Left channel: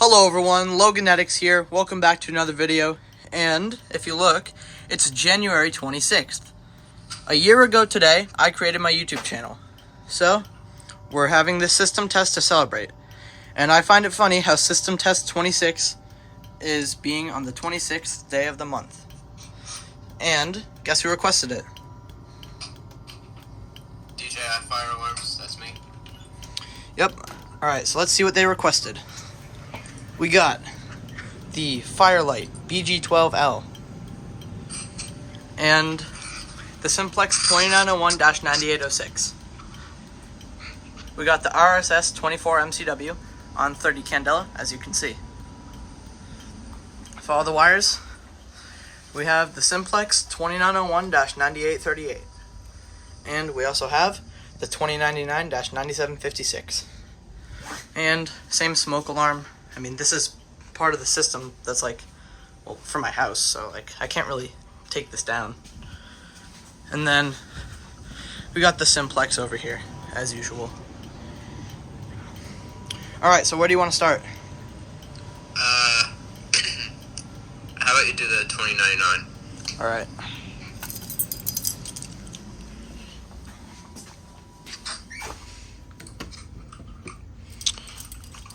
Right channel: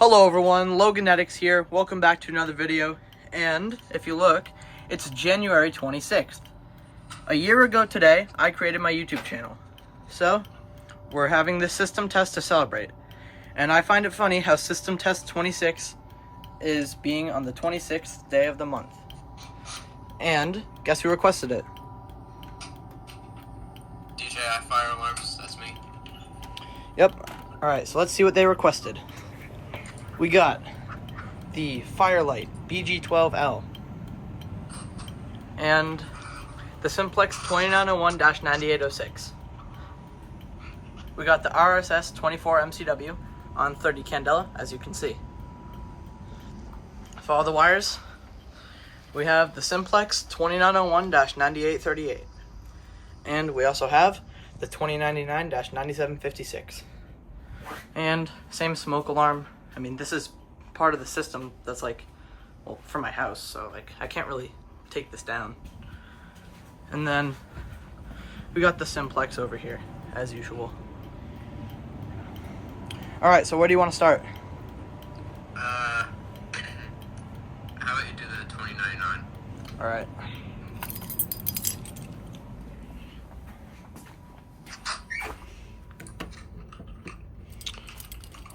Hello everyone, Loganetics here. Welcome back to another video. And if you look, it's January 26th. A year ago today, I created my YouTube channel. So, we're having this system test to celebrate. And I find it funny how system test 26 is being on the 26th day of the month. And guess who requested it? DJI fire alarms, that's me. Yep. Alright, so let's see what they requested. We got the FireLite BG-12L and the Simplex 2901-9806. We got the RSS-24MCW on 30 candela, as you can see. For all the wires, we have the Simplex 2901-9838, and we also have the 2099-9756. And same smoke alarm. I mean, this is part of the system that's like, well, for my house, so like I can't really take this down. And then we got the Simplex over here, as usual. Alright, so where do you want to start? How about you do the 2099? Alright.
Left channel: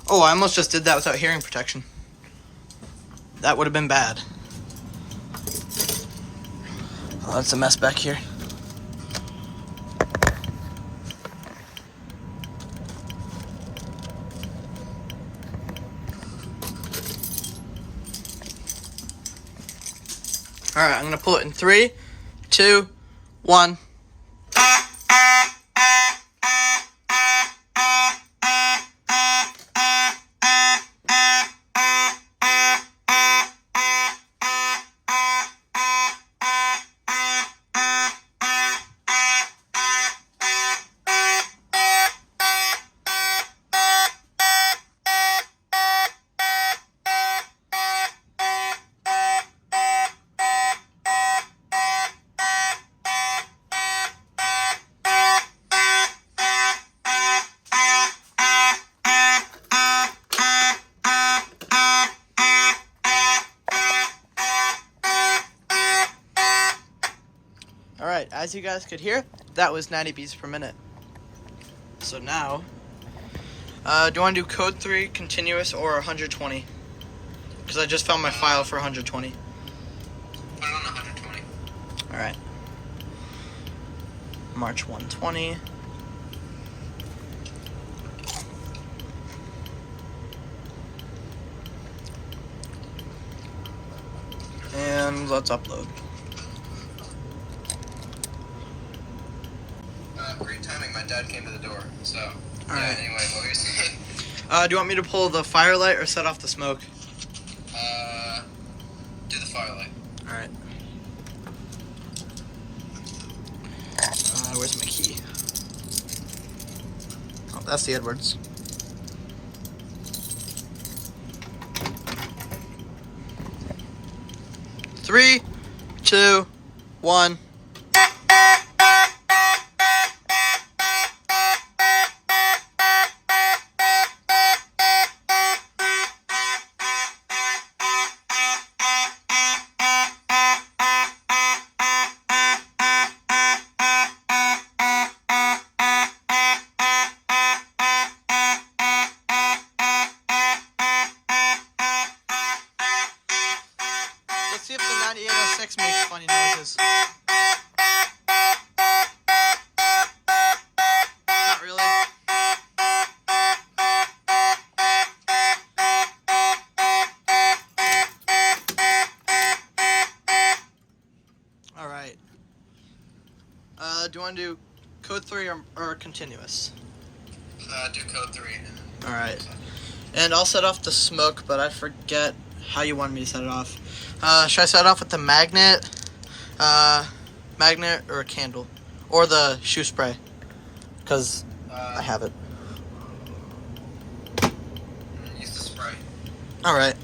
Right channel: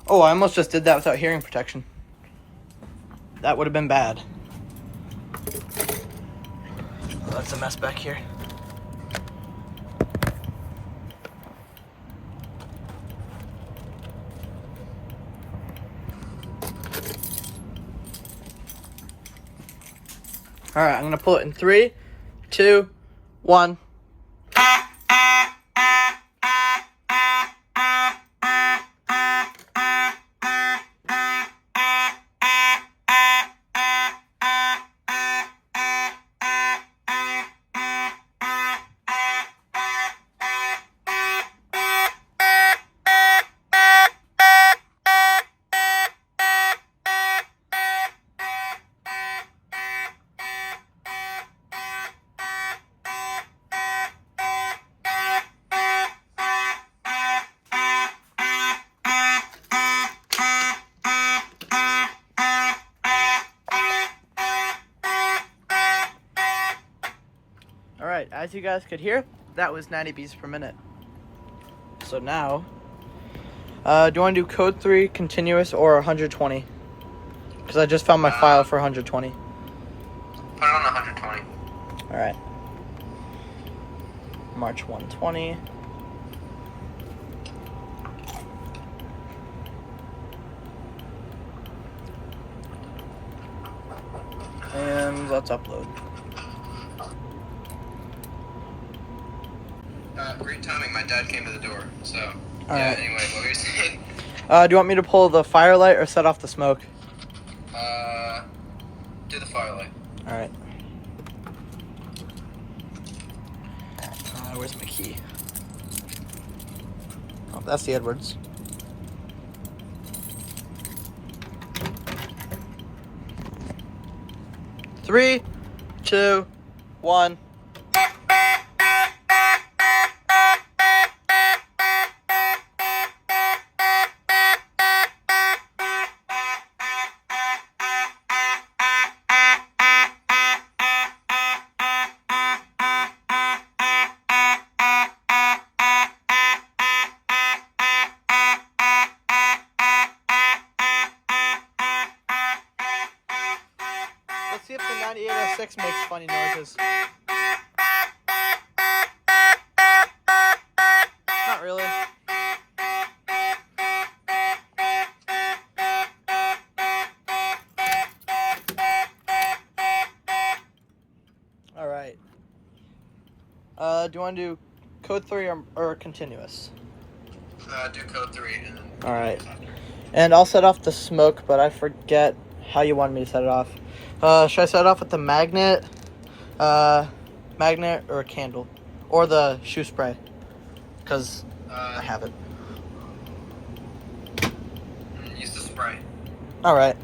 Oh, I almost just did that without hearing protection. That would have been bad. Oh, that's a mess back here. Alright, I'm going to pull it in 3, 2, 1. Alright, as you guys could hear, that was 90 beats per minute. So now, do you want to do code 3, continuous, or 120? Because I just found my file for 120. Put it on 120. Alright. March 120. And let's upload. Great timing, my dad came to the door, so... Alright. Anyway, what were you saying? Do you want me to pull the FireLite or set off the smoke? Do the FireLite. Alright. Where's my key? Oh, that's the Edwards. Three, 2, 1. Let's see if the 9806 makes funny noises. Not really. Alright. Do you want to do code 3 or continuous? Do code 3. Alright. And I'll set off the smoke, but I forget how you wanted me to set it off. Should I set it off with the magnet or a candle? Or the shoe spray? Because I have it. Use the spray. Alright.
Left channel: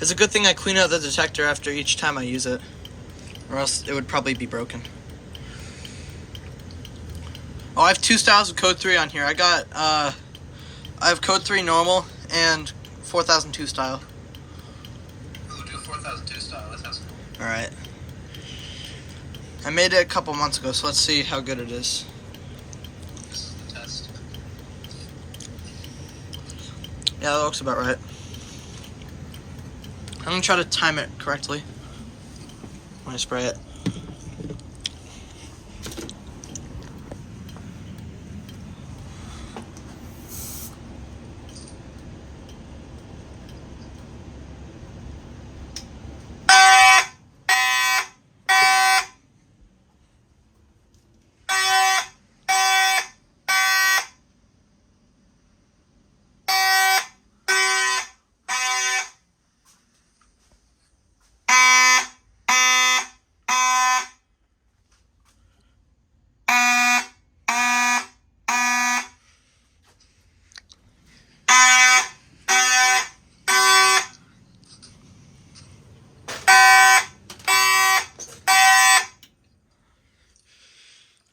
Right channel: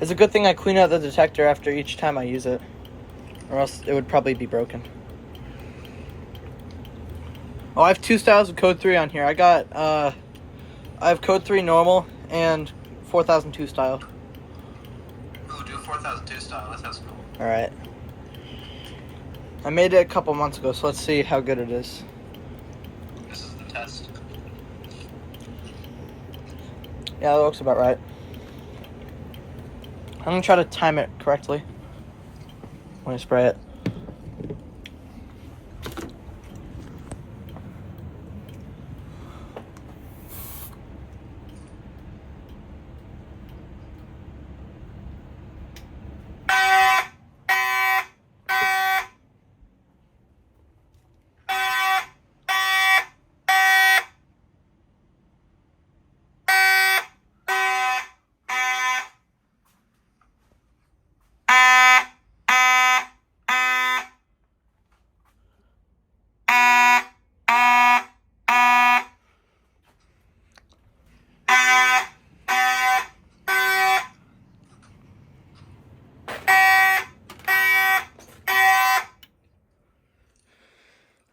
It's a good thing I clean out the detector after each time I use it. Or else it would probably be broken. Oh, I have two styles of code 3 on here. I have code 3 normal and 4002 style. Oh, do 4002 style. That sounds cool. Alright. I made it a couple months ago, so let's see how good it is. This is the test. Yeah, that looks about right. I'm gonna try to time it correctly when I spray it.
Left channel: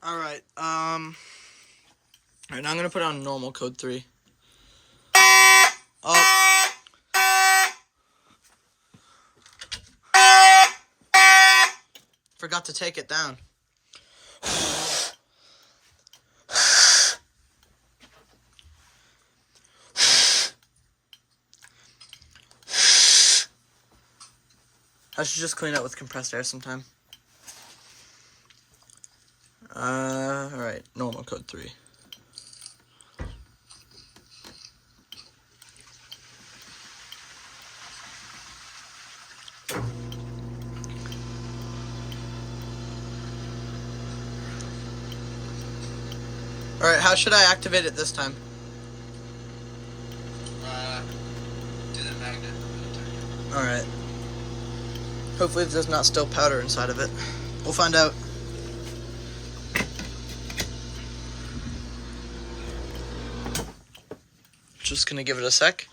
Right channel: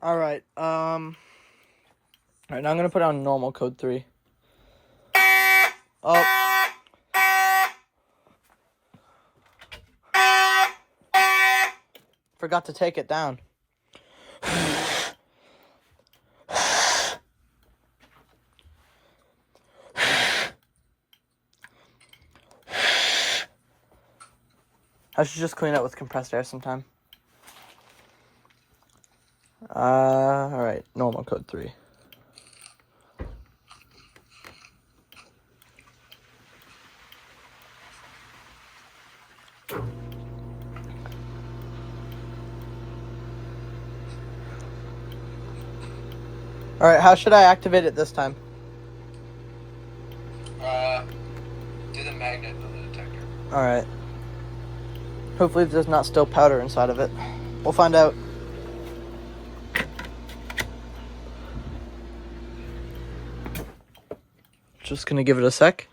Alright, alright, now I'm gonna put on normal code 3. Oh. Forgot to take it down. I should just clean it with compressed air sometime. Alright, normal code 3. Alright, how should I activate it this time? Do the magnet on the detector. Alright. Hopefully there's not still powder inside of it. We'll find out. Just gonna give it a sec.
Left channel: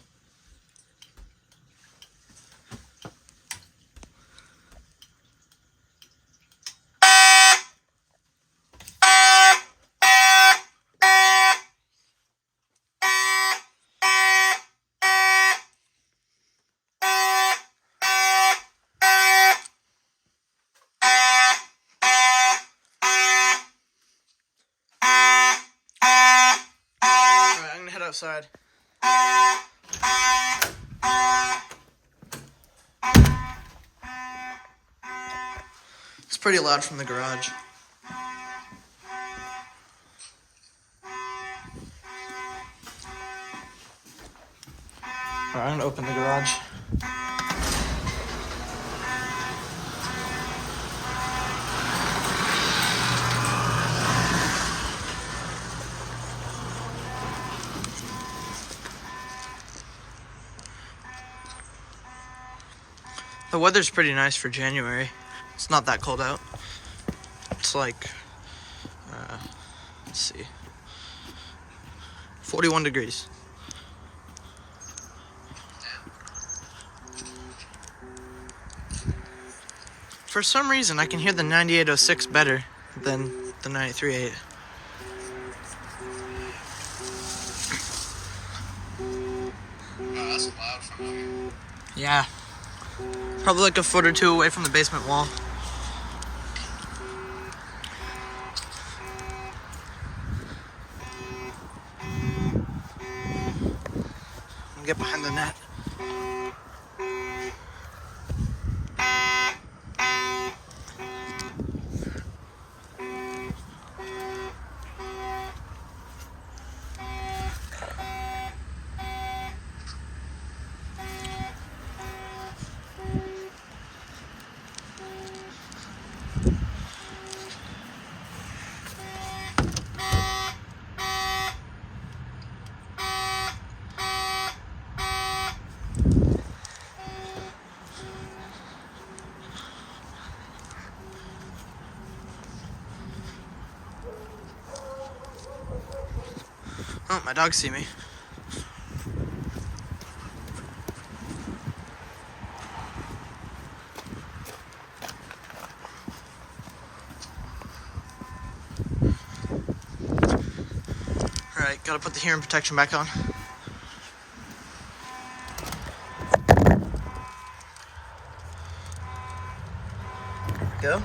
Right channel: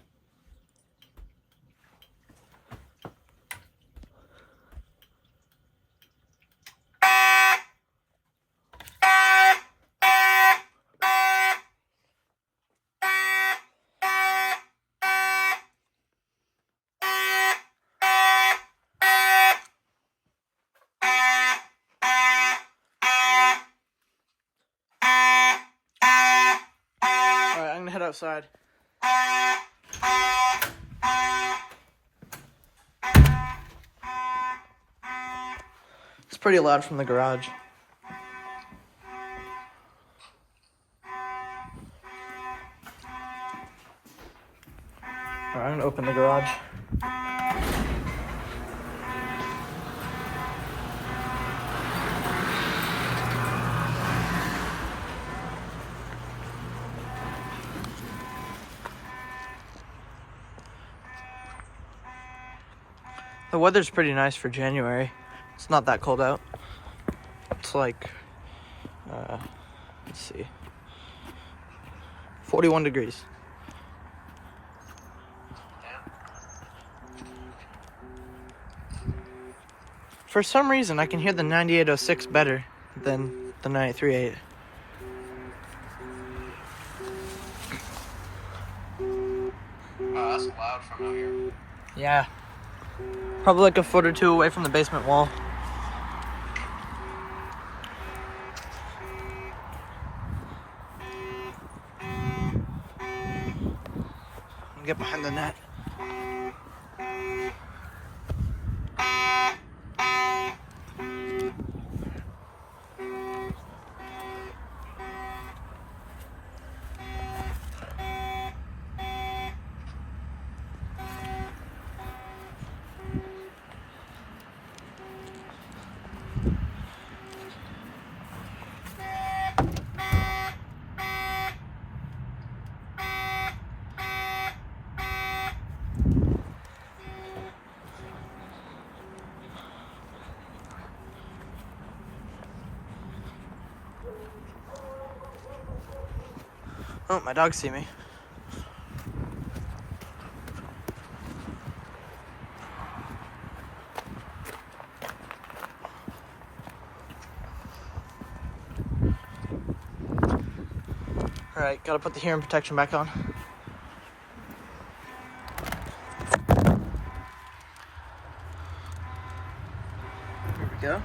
Alright, I'm gonna head outside. It's pretty loud from the garage. Alright, I'm gonna open the garage. The weather's pretty nice for January. It's not that cold out. It's like, let's see, 41 degrees. For some reason, I can hear the 9806 better than the 93.8. Oh, that's loud from out here. Yeah. Probably like a foot or two away from the basement wall. I'll get behind the net. Oh, my dogs see me. Alright, gotta put the hearing protection back on. go.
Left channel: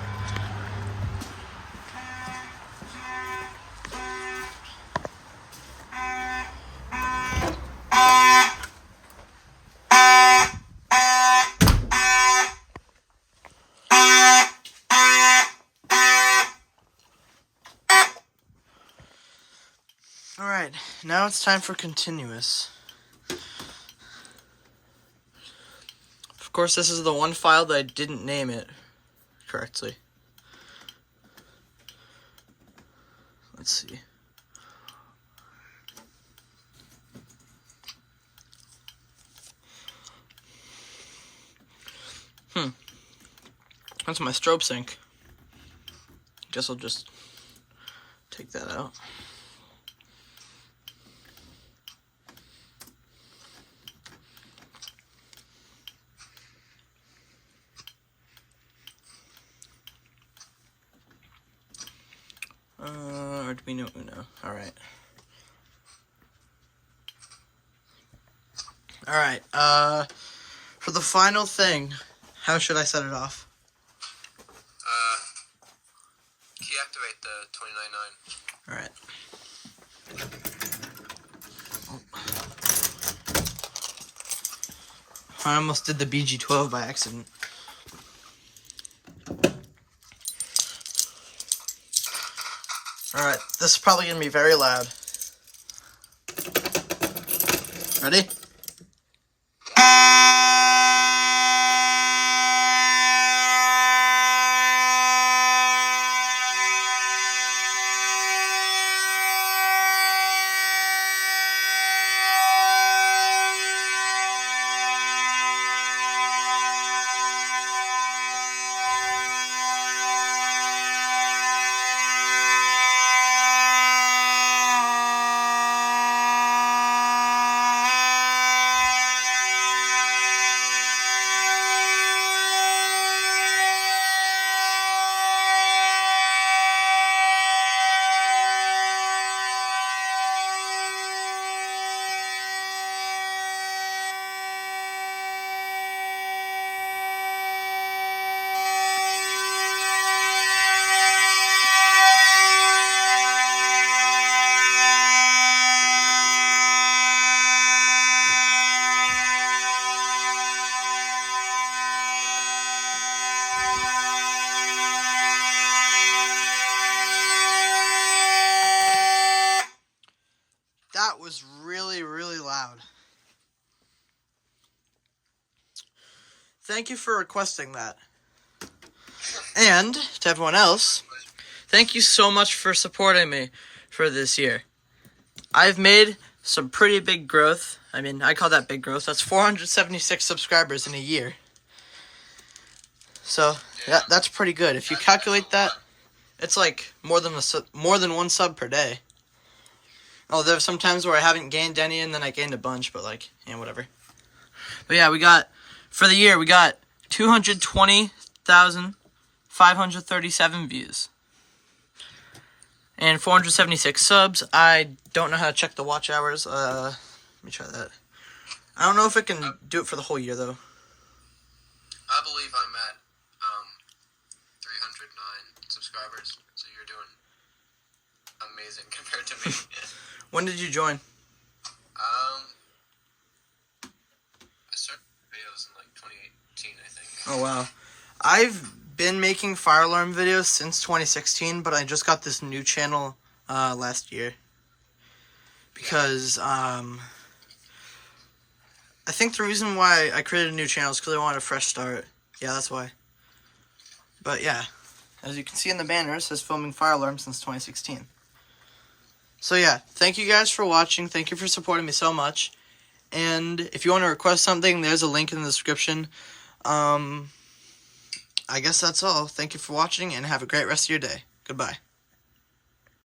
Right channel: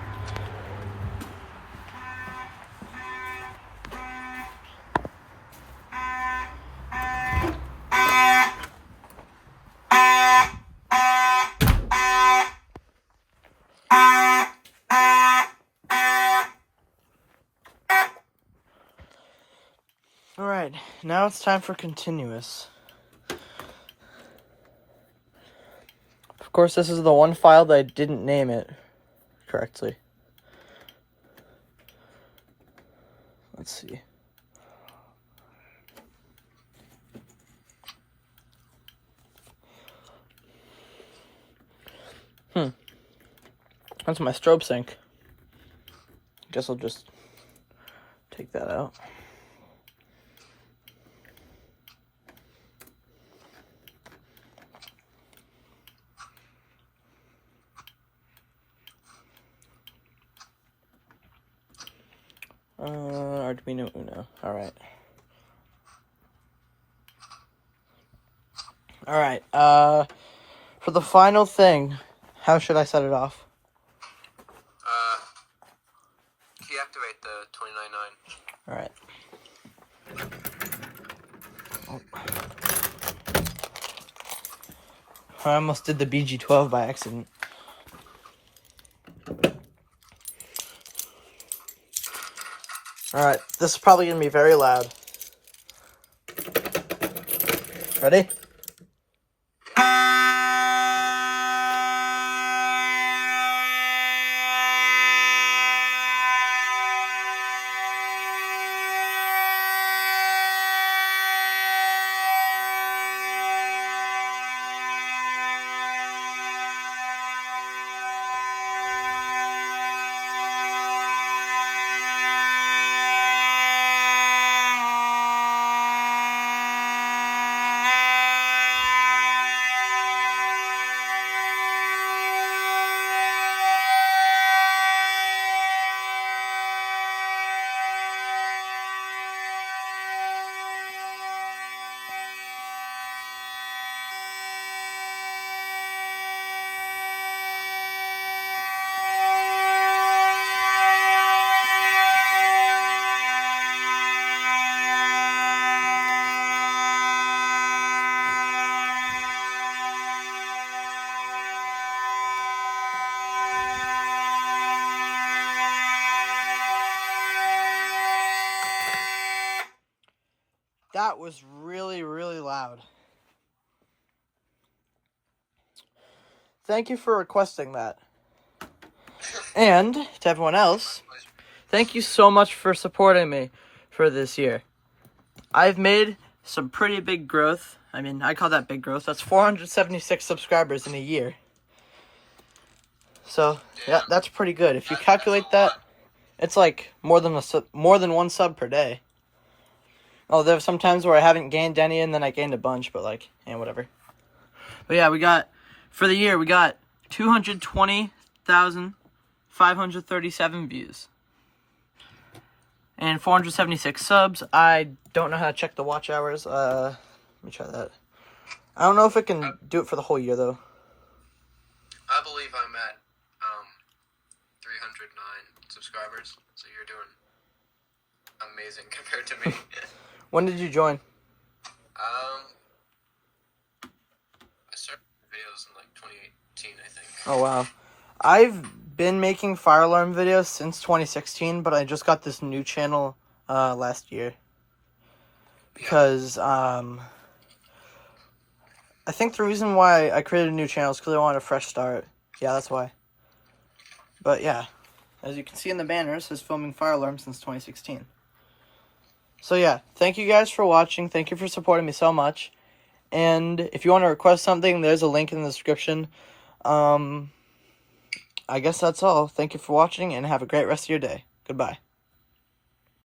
Alright, now it's time for continuous. Of course, this is the one file that I didn't name it correctly. Let's see. That's my strobe sync. Guess I'll just take that out. Arduino Uno. Alright. Alright, for the final thing, how should I set it off? Deactivate the 299. Alright. Oh. I almost did the BG-12 by accident. Alright, this is probably going to be very loud. Ready? That was really, really loud. Thank you for requesting that. And to everyone else, thank you so much for supporting me for this year. I've made some pretty big growth. I mean, I call that big growth. That's 476 subscribers in a year. So that's pretty good. If you calculate that, it's like more than one sub per day. Oh, there's some times where I haven't gained any, and then I gained a bunch, but like, yeah, whatever. But yeah, for the year, we got 220,537 views. And 476 subs. I don't know how to check the watch hours. Let me try that. I don't know if it can do it for the whole year, though. I believe I'm at 309 subscribers, so you're doing amazing compared to me. When did you join? I started videos in like 2018, I think. Oh, wow. I've been making fire alarm videos since 2016, but I just got this new channel last year. Because I think the reason why I created a new channel is because I wanted a fresh start. Yeah, that's why. But yeah, as you can see in the banner, it says filming fire alarm since 2016. So yeah, thank you guys for watching. Thank you for supporting me so much. And if you want to request something, there's a link in the description. I guess that's all. Thank you for watching, and have a great rest of your day. Goodbye.